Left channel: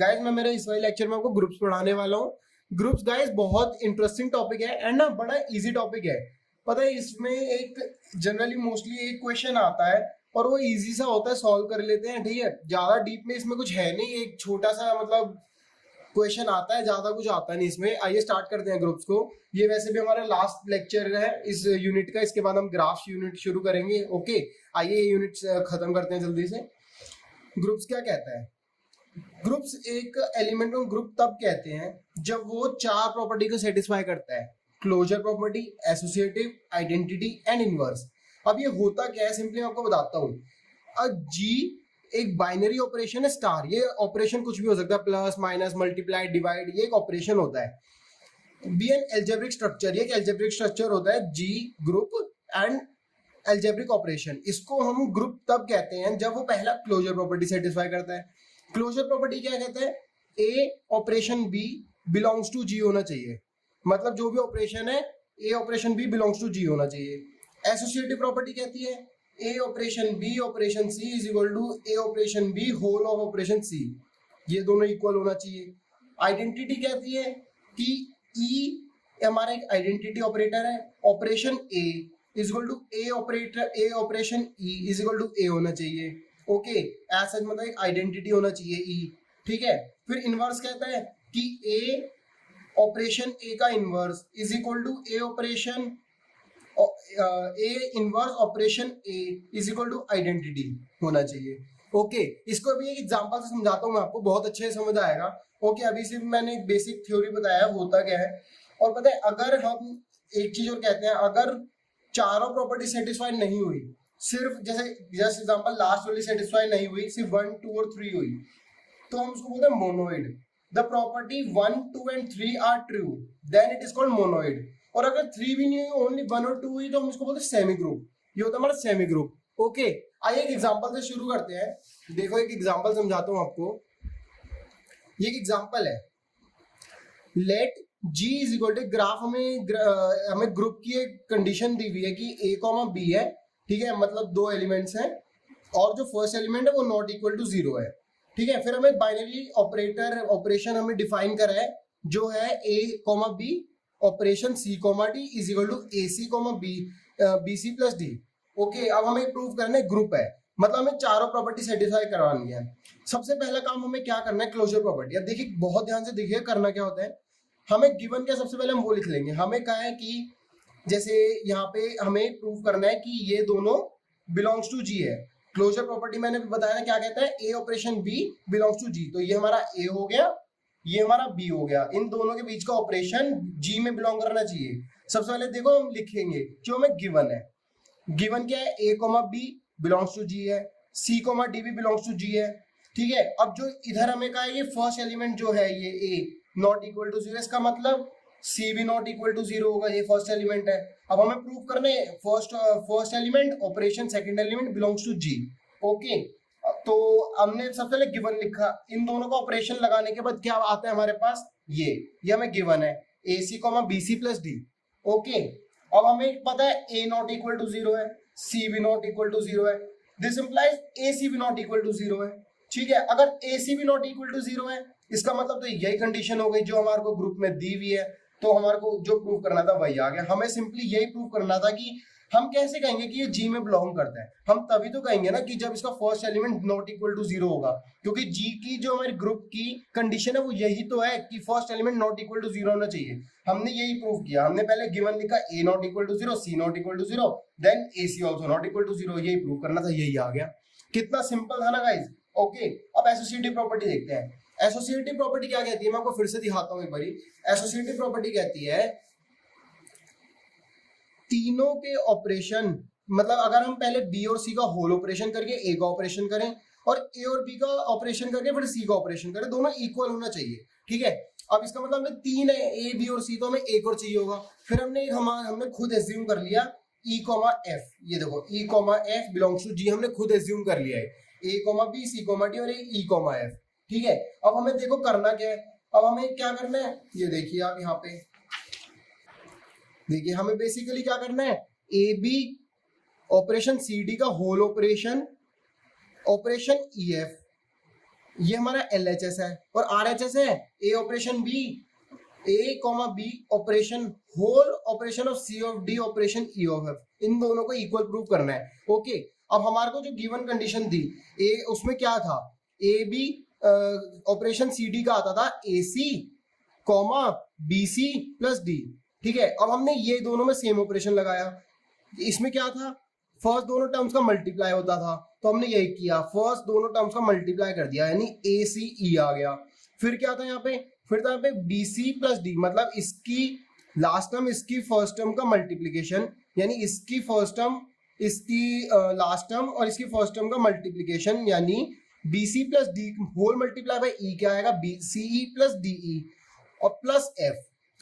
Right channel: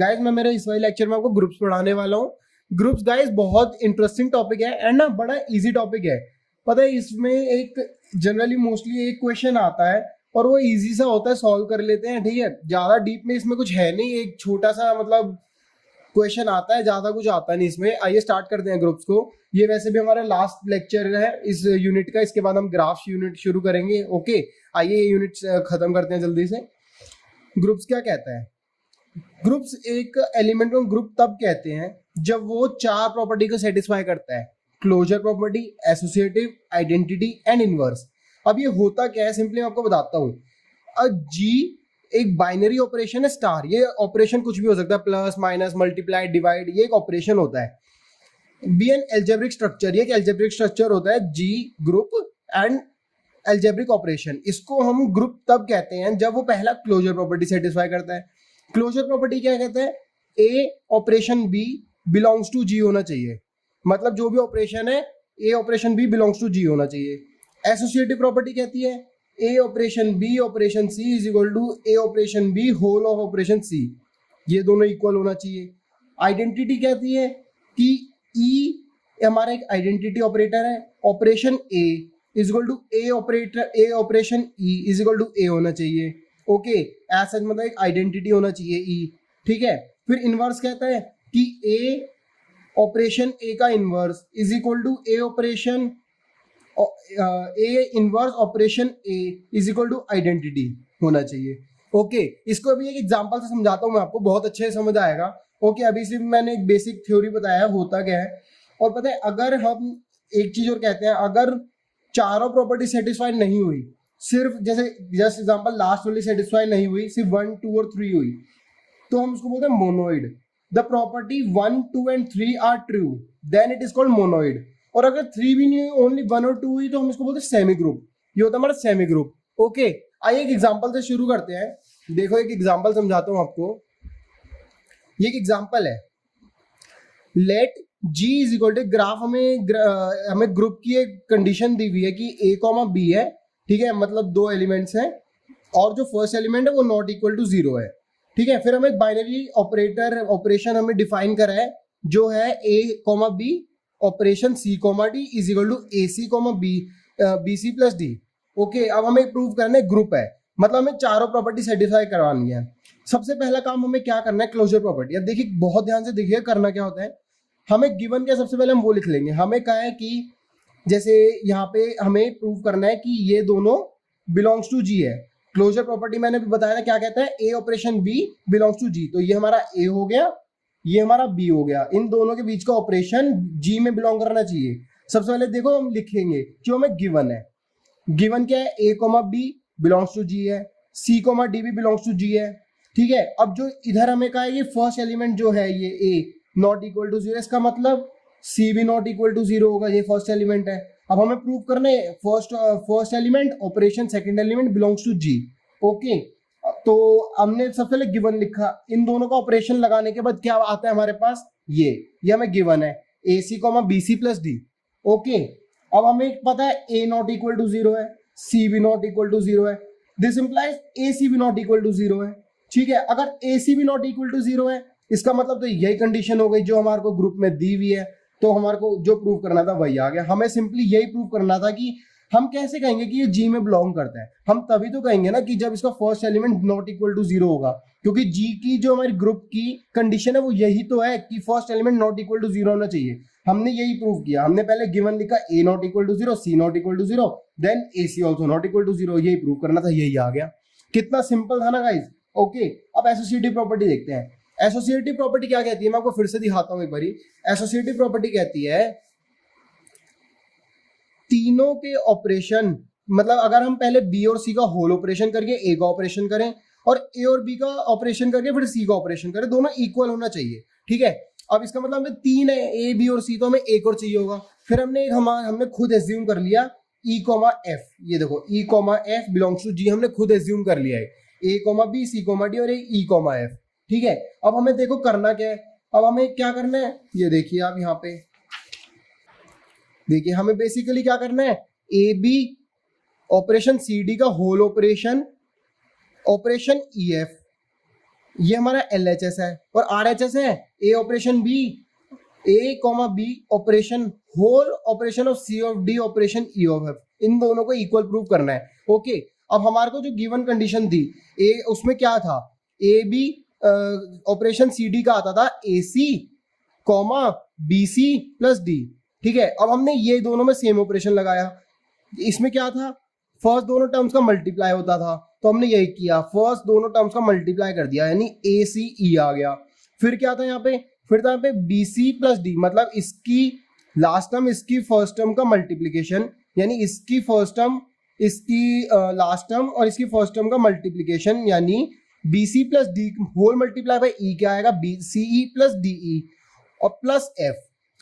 Guys मैं मेरे इस वाले लेक्चर में आपको ग्रुप्स पढ़ाने वाला हूँ। ग्रुप्स गाइस बहुत इंटरेस्टिंग टॉपिक है एंड ना बड़ा इजी टॉपिक है। पता है इसमें एक जनरली मोस्टली एक क्वेश्चन आता है और वो इजी सा होता है, सॉल्व कर लेते हैं। ठीक है, ज्यादा डीप में इसमें कुछ है नहीं, एक छोटा सा मतलब क्वेश्चन आता है, ज्यादा कुछ आता नहीं इसमें। आइए स्टार्ट करते हैं ग्रुप्स को। ये वैसे भी हमारा लास्ट लेक्चर है इस यूनिट का, इसके बाद हम ग्राफ्स यूनिट शुरू करेंगे। ओके, आइए ये यूनिट खत्म करते हैं जल्दी से। ग्रुप्स क्या कहता है? ग्रुप्स एक एलिमेंट को ग्रुप तब कहते हैं जब वो चार प्रॉपर्टी को सेटिस्फाई करता है: closure property, associative, identity and inverse. अब ये होता क्या है, सिंपली मैं आपको बताता हूँ। जी एक बाइनरी ऑपरेशन है, स्टार। ये ऑपरेशन कुछ भी हो सकता है, प्लस माइनस मल्टीप्लाई डिवाइड, ये एक ऑपरेशन होता है। बी एन एल्जेब्रिक स्ट्रक्चर, ये एक एल्जेब्रिक स्ट्रक्चर होता है। जी ग्रुप एंड एल्जेब्रिक ऑपरेशन, इसको हम ग्रुप तब कहते हैं जब वो पहला क्लोजर प्रॉपर्टी सेटिस्फाई करता है। क्लोजर प्रॉपर्टी क्या कहते हैं? A operation B belongs to G होना चाहिए। मतलब जो भी ऑपरेशन है, A operation B belongs to G होना चाहिए। एसोसिएटिव प्रॉपर्टी कहती है A operation B operation C is equal to A operation B whole of operation C, ये दोनों इक्वल होना चाहिए। आइडेंटिटी कहती है कि ई हमारा एक आइडेंटिटी ऑपरेटर है, operation A is equal to A operator A operation E is equal to A होना चाहिए। ओके, ऐसा मतलब एक आइडेंटिटी होना चाहिए ई। ठीक है, फिर इनवर्स कहता है कि ए ऑपरेशन ए का inverse is equal to A operation A inverse operation A is equal to identity होना चाहिए। ओके, इसको अभी एक एग्जांपल से समझाता हूँ मैं आपको, बहुत अच्छे से समझ आएगा। ओके, अभी सिर्फ मैंने एक बेसिक थ्योरी बताया होता क्या है। और पता है, अगर हम एक चीज और कहते हैं, अगर चारों प्रॉपर्टी सेटिस्फाई नहीं हुई, सिर्फ जैसे जस्ट एग्जांपल लास्ट वाली सेटिस्फाई नहीं हुई, सिर्फ 1 2 और 3 हुई, तो हम उसको बोलते हैं monoid. The property 1 2 and 3 are true, then it is called monoid. और अगर 3 भी नहीं हुई, ओनली 1 और 2 हुई, तो हम इसको बोलते हैं सेमी ग्रुप। ये होता है हमारा सेमी ग्रुप। ओके, आइए एक एग्जांपल से शुरू करते हैं। देखो एक एग्जांपल समझाता हूं आपको। ये एक एग्जांपल है। Let G is equal to, graph हमें ग्रुप की एक कंडीशन दी हुई है कि A कॉमा B है। ठीक है, मतलब दो एलिमेंट्स हैं और जो फर्स्ट एलिमेंट है वो नॉट इक्वल टू 0 है। ठीक है, फिर हमें बाइनरी ऑपरेशन हमें डिफाइन करा है जो है A comma B operation C comma D is equal to AC comma BC plus D। Okay, अब हमें प्रूव करना है ग्रुप है, मतलब हमें चारों प्रॉपर्टी सेटिस्फाई करवानी है। सबसे पहला काम हमें क्या करना है, क्लोजर प्रॉपर्टी। अब देखिए, बहुत ध्यान से देखिए करना क्या होता है। हमें गिवन क्या, सबसे पहले हम वो लिख लेंगे। हमें कहा है कि जैसे यहाँ पे हमें प्रूव करना है कि ये दोनों बिलोंग्स टू जी है। क्लोजर प्रॉपर्टी मैंने बताया क्या कहता है, A operation B belongs to जी। तो ये हमारा ए हो गया, ये हमारा बी हो गया। इन दोनों के बीच का ऑपरेशन जी में बिलोंग करना चाहिए। सबसे पहले देखो हम लिखेंगे जो हमें गिवन है। गिवन क्या है, ए कोमा बी बिलोंग्स टू जी है, सी कोमा डी भी बिलोंग्स टू जी है। ठीक है, अब जो इधर हमें कहा है ये फर्स्ट एलिमेंट जो है ये ए नॉट इक्वल टू 0, इसका मतलब सी भी नॉट इक्वल टू 0 होगा, ये फर्स्ट एलिमेंट है। अब हमें प्रूव करना है first element operation second element belongs to G. Okay, तो हमने सबसे पहले गिवन लिखा, इन दोनों का ऑपरेशन लगाने के बाद क्या आता है हमारे पास, ये हमें गिवन है A C comma B C plus D. Okay, अब हमें पता है ए नॉट इक्वल टू 0 है, सी भी नॉट इक्वल टू 0 है, दिस इंप्लाइज ए सी भी नॉट इक्वल टू 0 है। ठीक है, अगर ए सी भी नॉट इक्वल टू 0 है, इसका मतलब तो यही कंडीशन हो गई जो हमारे को ग्रुप में दी हुई है। तो हमारे को जो प्रूव करना था वही आ गया। हमें सिंपली यही प्रूव करना था कि हम कैसे कहेंगे कि ये जी में बिलोंग करता है। हम तभी तो कहेंगे ना कि जब इसका first element not equal to 0 होगा, क्योंकि जी की जो हमारी ग्रुप की कंडीशन है वो यही तो है कि first element not equal to 0 होना चाहिए। हमने यही प्रूव किया। हमने पहले गिवन लिखा A not equal to 0, C not equal to 0, then A C also not equal to 0। यही प्रूव करना था, यही आ गया। कितना सिंपल था ना गाइज। ओके, अब एसोसिएटिव प्रॉपर्टी देखते हैं। एसोसिएटिव प्रॉपर्टी क्या कहती है, मैं आपको फिर से दिखाता हूं एक बारी। एसोसिएटिव प्रॉपर्टी कहती है तीनों के ऑपरेशन, मतलब अगर हम पहले बी और सी का होल ऑपरेशन करके ए का ऑपरेशन करें और ए और बी का ऑपरेशन करके फिर सी का ऑपरेशन करें, दोनों इक्वल होना चाहिए। ठीक है, अब इसका मतलब हमें 3 है, ए बी और सी, तो हमें एक और चाहिए होगा। फिर हमने खुद एज्यूम कर लिया ई कॉमा एफ। ये देखो E comma F belongs to G, हमने खुद एज्यूम कर लिया है A comma B C comma D और ई कॉमा एफ। ठीक है, अब हमें देखो करना क्या है। अब हमें क्या करना है, ये देखिए आप यहाँ पे देखिए, हमें बेसिकली क्या करना है, A B operation C D का whole operation operation E F, ये हमारा LHS है और RHS है A operation B, A comma B operation whole operation of C of D operation E of F, इन दोनों को इक्वल प्रूव करना है। ओके, अब हमारे को जो गिवन कंडीशन थी ए, उसमें क्या था, AB ऑपरेशन CD का आता था AC comma BC plus D। ठीक है, अब हमने ये दोनों में सेम ऑपरेशन लगाया। इसमें क्या था, फर्स्ट दोनों टर्म्स का मल्टीप्लाई होता था, तो हमने यही किया, फर्स्ट दोनों टर्म्स का मल्टीप्लाई कर दिया, यानी ACE आ गया। फिर क्या था यहाँ पे, फिर था यहाँ पे BC प्लस D, मतलब इसकी लास्ट टर्म इसकी फर्स्ट टर्म का मल्टीप्लीकेशन, यानी इसकी फर्स्ट टर्म इसकी लास्ट टर्म और इसकी फर्स्ट टर्म का मल्टीप्लीकेशन, यानी BC plus D whole multiply by E क्या आएगा, BCE प्लस DE और प्लस F।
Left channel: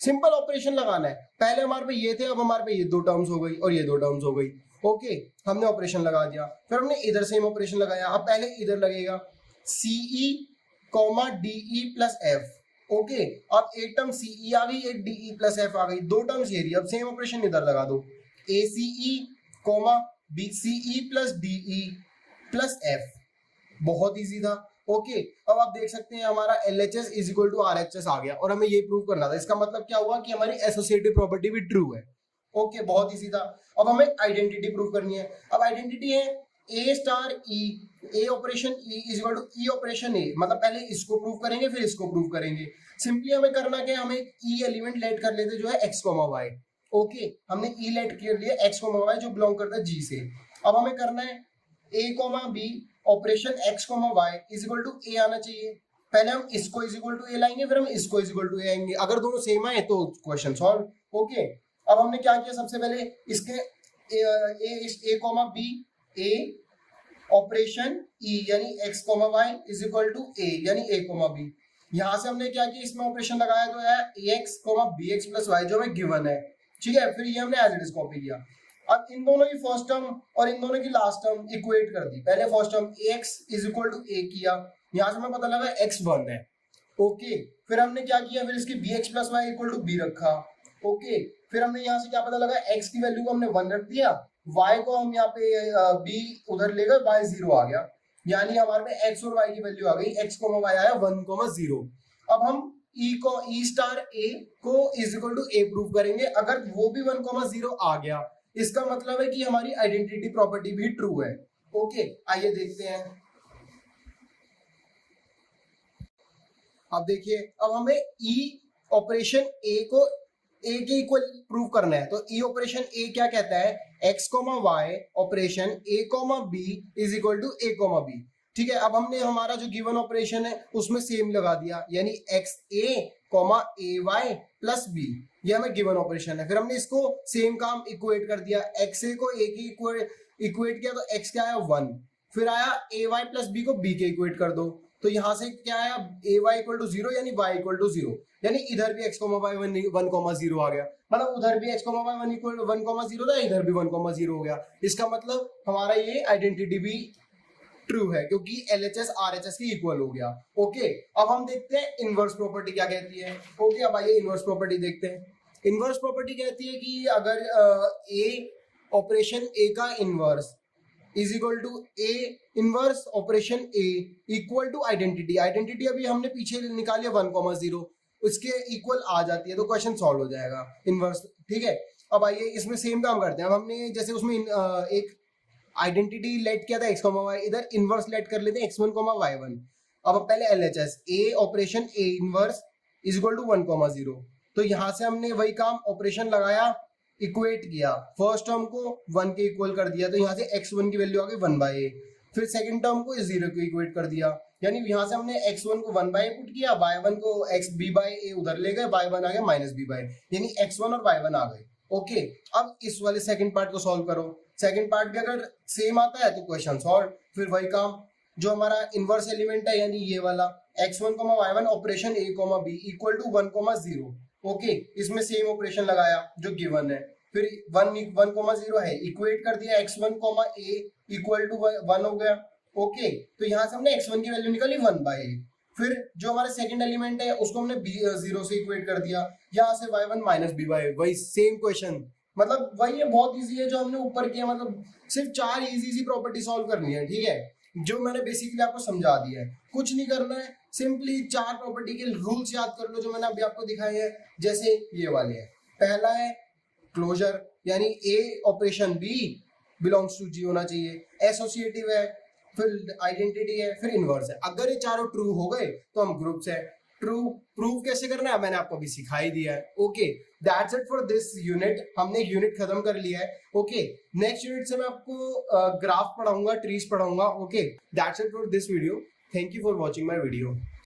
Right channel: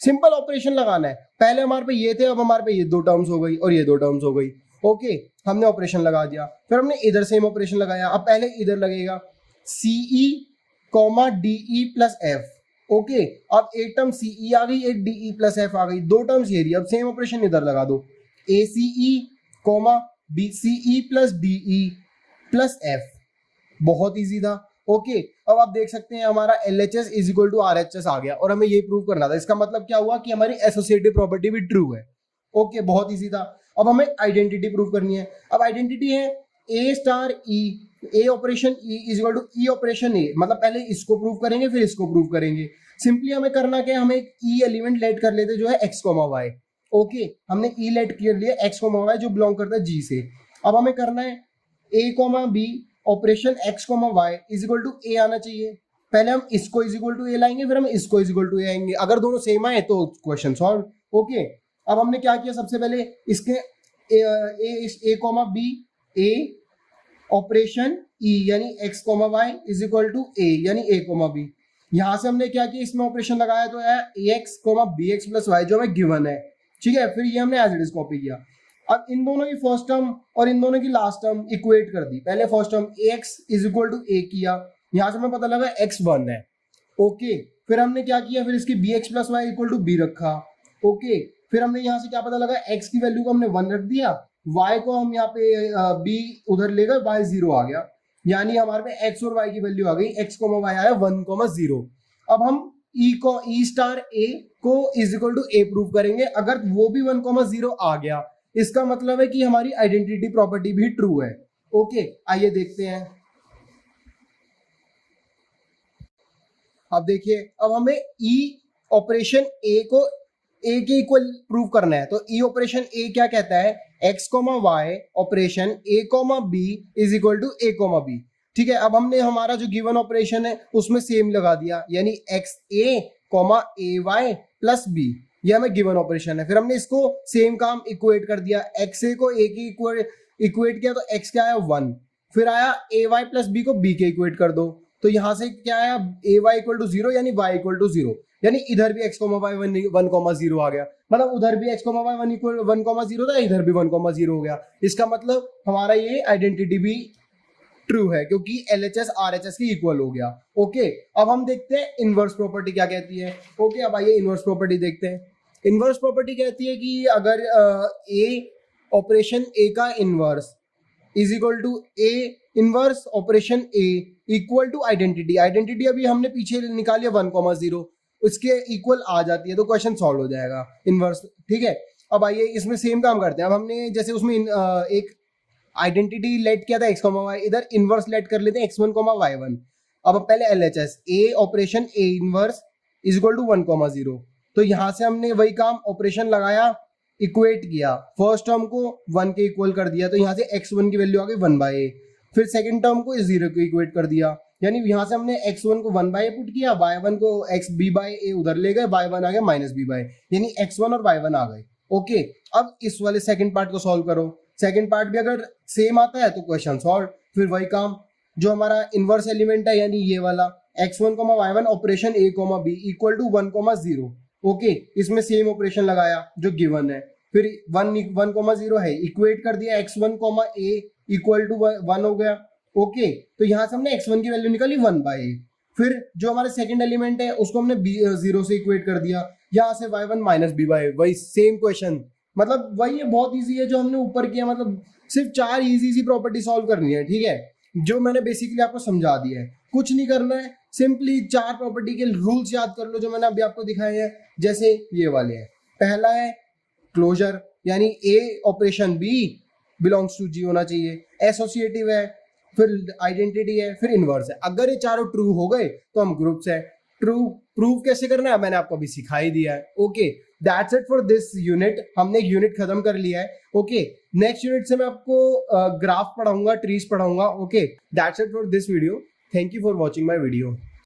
सिंपल ऑपरेशन लगाना है, पहले हमारे पे ये थे, अब हमारे पे ये दो टर्म्स हो गई और ये दो टर्म्स हो गई। ओके, हमने ऑपरेशन लगा दिया, फिर हमने इधर सेम ऑपरेशन लगाया। अब पहले इधर लगेगा CE comma DE plus F। Okay, अब एक टर्म CE आ गई, एक DE प्लस F आ गई, दो टर्म्स ये रही। अब सेम ऑपरेशन इधर लगा दो, ACE comma BCE plus DE plus F। बहुत इजी था। ओके, अब आप देख सकते हैं हमारा LHS is equal to RHS आ गया और हमें ये प्रूव करना था। इसका मतलब क्या हुआ कि हमारी एसोसिएटिव प्रॉपर्टी भी ट्रू है। ओके, बहुत इजी था। अब हमें आइडेंटिटी प्रूव करनी है। अब आइडेंटिटी है A star E, A operation E is equal to E operation A, मतलब पहले इसको प्रूव करेंगे फिर इसको प्रूव करेंगे। सिंपली हमें करना क्या है, हमें एक E एलिमेंट लेट कर लेते जो है x, y। ओके, हमने E लेट कर लिया x, y जो बिलोंग करता है G से। अब हमें करना है A, B operation x, y is equal to A आना चाहिए। पहले हम इसको इज इक्वल टू A लाएंगे, फिर हम इसको इज इक्वल टू A आएंगे। अगर दोनों सेम आए तो क्वेश्चन सॉल्व। ओके, अब हमने क्या किया, सबसे पहले इसके A, B A operation E यानी x, y is equal to A यानी A, B। यहां से हमने क्या किया, इसमें ऑपरेशन लगाया तो है AX, BX प्लस y जो हमें गिवन है। ठीक है, फिर ये हमने एज इट इज कॉपी किया। अब इन दोनों की फर्स्ट टर्म और इन दोनों की लास्ट टर्म इक्वेट कर दी। पहले first term AX is equal to A किया, यहां से हमें पता लगा x 1 है। ओके, फिर हमने क्या किया, फिर इसकी BX plus Y equal to B रखा। ओके, फिर हमने यहाँ से क्या पता लगा, x की वैल्यू को हमने 1 रख दिया, y को हम यहाँ पे B उधर ले गए, y 0 आ गया, यानी हमारे पे x और y की वैल्यू आ गई, x, y आया 1, 0। अब हम E स्टार A को is equal to A prove करेंगे। अगर वो भी 1, 0 आ गया, इसका मतलब है कि हमारी आइडेंटिटी प्रॉपर्टी भी ट्रू है। ओके, आइए देखते हैं। अब देखिए, अब हमें E ऑपरेशन A को A के इक्वल प्रूव करना है, तो E ऑपरेशन A क्या कहता है, x, y operation A, B is equal to A, B। ठीक है, अब हमने हमारा जो गिवन ऑपरेशन है उसमें सेम लगा दिया, यानी XA, AY प्लस B, ये हमें गिवन ऑपरेशन है। फिर हमने इसको सेम काम इक्वेट कर दिया, XA को A की इक्वेट किया तो x क्या आया 1, फिर आया AY प्लस B को B के इक्वेट कर दो, तो यहां से क्या आया AY इक्वल टू 0 यानी y इक्वल टू 0, यानी इधर भी x, y 1, 0 आ गया, मतलब उधर भी x, y 1 इक्वल 1, 0 था, इधर भी 1, 0 हो गया। इसका मतलब हमारा ये आइडेंटिटी भी ट्रू है क्योंकि LHS RHS की इक्वल हो गया। ओके, अब हम देखते हैं इनवर्स प्रॉपर्टी क्या कहती है। ओके, अब आइए इनवर्स प्रॉपर्टी देखते हैं। इनवर्स प्रॉपर्टी कहती है कि अगर A ऑपरेशन A का inverse is equal to A inverse operation A equal to identity, identity अभी हमने पीछे निकाली 1, 0, उसके इक्वल आ जाती है तो क्वेश्चन सॉल्व हो जाएगा इनवर्स। ठीक है, अब आइए इसमें सेम काम करते हैं। अब हमने जैसे उसमें एक आइडेंटिटी लेट किया था x, y, इधर इनवर्स लेट कर लेते हैं x1, y1। अब पहले LHS A operation A inverse is equal to 1, 0, तो यहां से हमने वही काम ऑपरेशन लगाया, इक्वेट किया, फर्स्ट टर्म को 1 के इक्वल कर दिया, तो यहाँ से x1 की वैल्यू आ गई 1/a, फिर सेकंड टर्म को 0 को इक्वेट कर दिया, यानी यहाँ से हमने x1 को 1/a पुट किया, y1 को b/a उधर ले गए, y1 आ गया -b/a, यानी x1 और y1 आ गए। ओके, अब इस वाले सेकंड पार्ट को सॉल्व करो, सेकंड पार्ट भी अगर सेम आता है तो क्वेश्चन सॉल्व। फिर वही काम जो हमारा इनवर्स एलिमेंट है, यानी ये वाला x1, y1 operation A, B equal to 1, 0। Okay, इसमें सेम ऑपरेशन लगाया जो गिवन है, फिर 1, 0 है, इक्वेट कर दिया, x1, A इक्वल टू 1 हो गया। ओके, तो यहां से हमने x1 की वैल्यू निकाली 1/a, फिर जो हमारे सेकंड एलिमेंट है उसको हमने 0 से इक्वेट कर दिया, यहां से y1 -b/a, वही सेम क्वेश्चन, मतलब वही है, बहुत इजी है जो हमने ऊपर किया, मतलब सिर्फ 4 इजी सी प्रॉपर्टी सॉल्व करनी है। ठीक है, जो मैंने बेसिकली आपको समझा दिया है। कुछ नहीं करना है, सिंपली 4 प्रॉपर्टी के रूल्स याद कर लो जो मैंने अभी आपको दिखाए हैं। जैसे ये वाले हैं, पहला है क्लोजर, यानी ए operation B belongs to G होना चाहिए। एसोसिएटिव है, फिर आइडेंटिटी है, फिर इनवर्स है। अगर ये चारों ट्रू हो गए तो हम ग्रुप्स है। ट्रू प्रूव कैसे करना है मैंने आपको अभी सिखा ही दिया है। Okay, that's it for this unit. हमने एक यूनिट खत्म कर लिया है। ओके, नेक्स्ट यूनिट से मैं आपको ग्राफ पढ़ाऊंगा, ट्रीज पढ़ाऊंगा। Okay, that's it for this video. Thank you for watching my video.